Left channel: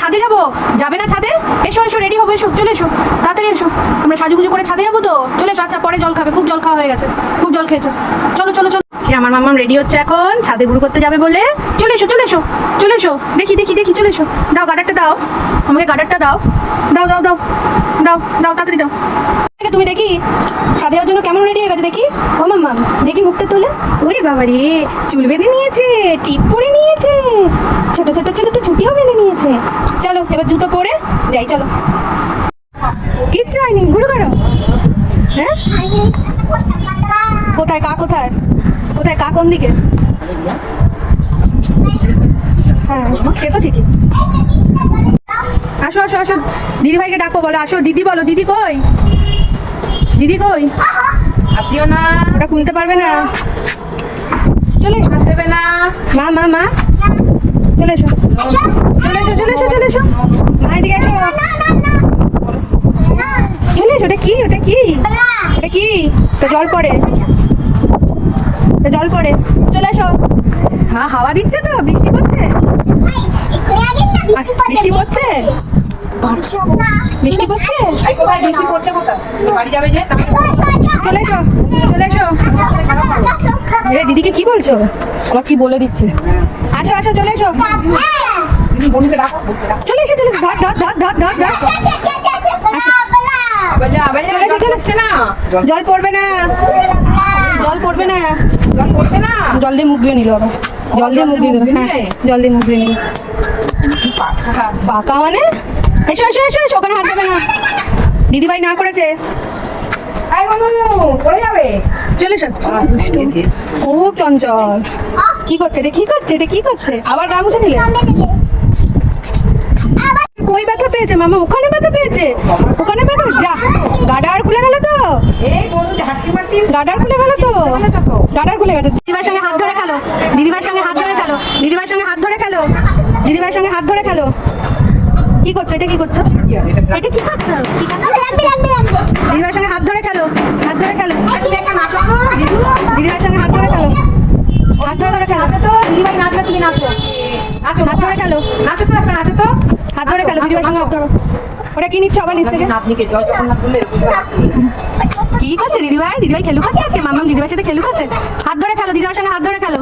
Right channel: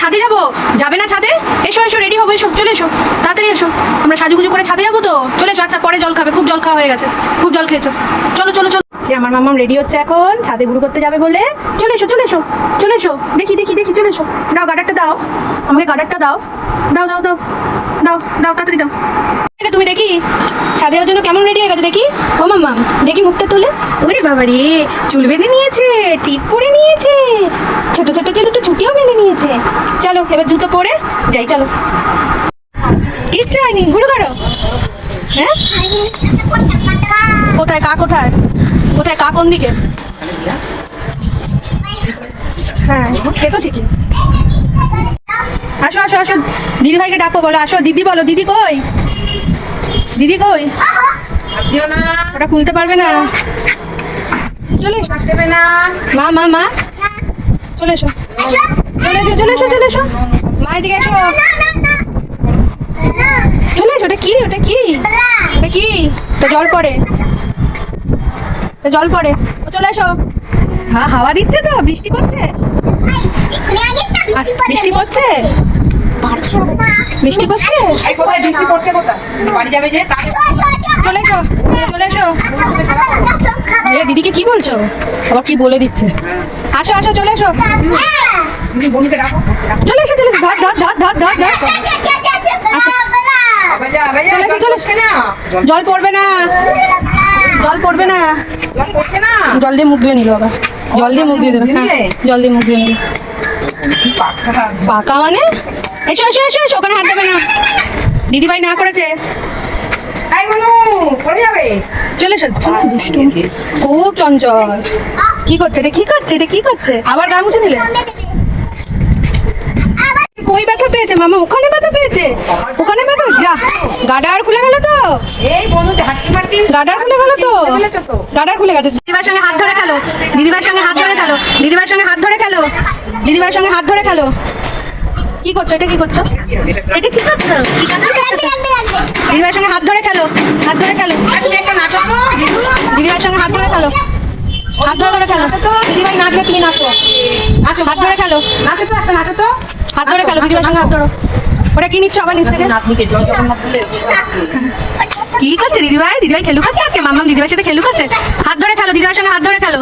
ছাদে যাবো, যাবে না ছাদে? এসো এসো, রেডি হবো, এসো, চলে এসো, তাড়াতাড়ি এসো। আমরা সাজুগুজু করে ছাদে যাবো তো, চলে এসো। আচ্ছা পরে জল খাবে, খুব জল খাওয়া হয়ে গেছে, খুব জল খেয়েছো। চলো চলো চলো। আমার মাম্মাম রেডি হচ্ছে এখন ছাদে ঘুরু করতে যাবে বলে। চলে এসো চলে এসো চলে এসো, দেখি দেখি দেখি, চলে এসো। দাও গার্ডারটা দাও আমাকে, গার্ডারটা দাও, দাও দাও দাও দাও দাও, তাড়াতাড়ি দাও। তুমি দেখি ছাদে যাওয়ার জন্য কেমন রেডি হয়ে গেছে দেখি। ও মাম্মাম দেখি মুখটা তুলে। ওরে বাবা রে, চুল বেঁধে নিয়েছে, টিপ পরে নিয়েছে, ছোট ছোট চুল একটু ছুটিও বেঁধে নিয়েছে। চলো এবার জুতো পরে যাই, চলো। কিচ্ছু হয়নি, ঘুরু করো। হ্যাঁ কোথায় কা, কোথায় কোথায় কা, কোন দিকে? হ্যাঁ সে তো ঠিকই। আসো আসো আসো, দিদি ভাইকে ডাকো, বলো আসো। দিদি বলো, দিদি কই, দিদি কই? ওটা খুলতে পারবে না, চলে এসো। মা মা মা, চলে এসো চলে এসো চলে এসো চলে এসো, মা এদিকে এসো, চলে এসো। ওটা কি, ওটা কি, ওটা কি? তো জল পড়ে, জল পড়ে, চলে এসো। হ্যাঁ হাওয়া দিচ্ছে তো, বৃষ্টি পড়ছে, বৃষ্টি পড়ছে, বৃষ্টি পড়ছে। চলে এসো চলে এসো। দিদিকে কি বলছো, আবার কি বলে দিচ্ছে। আসো আসো চলে এসো, চলে এসো চলে এসো, ধর ধর ধর ধর ধর ধর। চলে এসো চলে এসো। জল পড়বে না, জল পড়বে না, জল দিয়ে মুখ দিয়ে নিল আবার, জল দিয়ে মুখ দিয়ে দিল। হ্যাঁ জল দিয়ে মুখ দিয়ে নিল। পাকা মানে? এসো এসো এসো এসো, ওখানে হাত দেবে না, দিদিভাই না করেছে। চলে এসো, দুষ্টু, খুব চঞ্চল। কি করছে এটা, কি করছে এটা, কি করছে? আবার গা মুছে নিলে? কই ব্যথা পেয়েছে মামা? ওখানে ব্যথা পেয়েছে, ওখানে ব্যথা। যা, গাডার খুলে গেল তো, গাডার খুলে গেল তো, গাডার খুলে গেছে। দিদিভাইয়ের সঙ্গে হাত ধরে খেলো, দিদিভাইয়ের সঙ্গে হাত ধরে খেলো, দিদিভাইয়ের সঙ্গে হাত ধরে খেলো, দিদিভাইয়ের সঙ্গে হাত ধরে খেলো। কি করছো এটা, কি করছো এটা, কি করছো, কি করছো? দিদিভাইয়ের সঙ্গে হাত ধরে খেলো, হাত ধরে খেলো, দিদিভাইয়ের সঙ্গে হাত ধরে খেলো, হাত ধরে ধরে খেলো। দিদিভাই নাচো, তুমি নাচো, হাত ধরে খেলো, নাচো তো একটা, নাচো তো। হাত ধরে খেলো, দিদিভাইয়ের সঙ্গে হাত ধরো। ওটা কি নিচ্ছ আবার নিচ থেকে? কি করছে দিদিভাই? দিদিভাই খেলু খাচ্ছে আজকে, মাম্মাম দিদিভাইয়ের সাথে খেলু খাচ্ছে। হাত ধরে খেলো, দিদিভাইয়ের সঙ্গে হাত ধরে খেলো।